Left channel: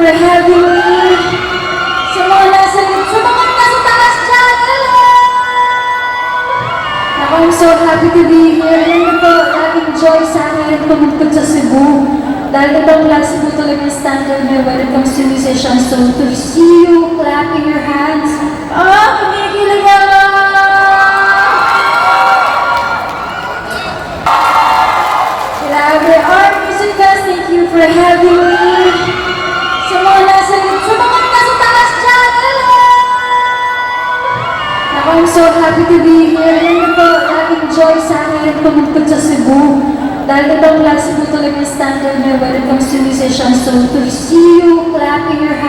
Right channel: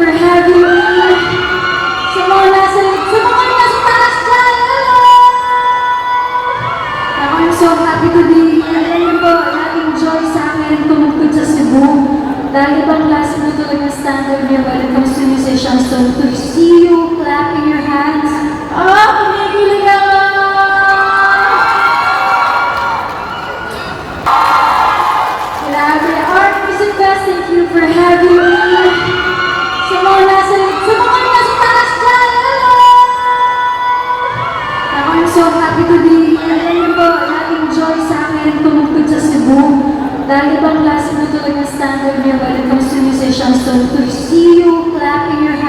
for having me. Sa mga nasa taas dyan, hello! Ako, I'm so happy to be here. Ngayon po, laging joy sa akin tumugtog sa Cebu. Dahil itong last mo talaga standard niya when it comes to musicians. So, to see you clapping your hands, kumikilig ako! Grabe, Art Music Fest, thank you for having me. Sa mga nasa taas dyan, hello! Ako, I'm so happy to be here. Ngayon po, laging joy sa akin tumugtog sa Cebu. Dahil itong last mo talaga standard niya when it comes to musicians. So, to see you clapping your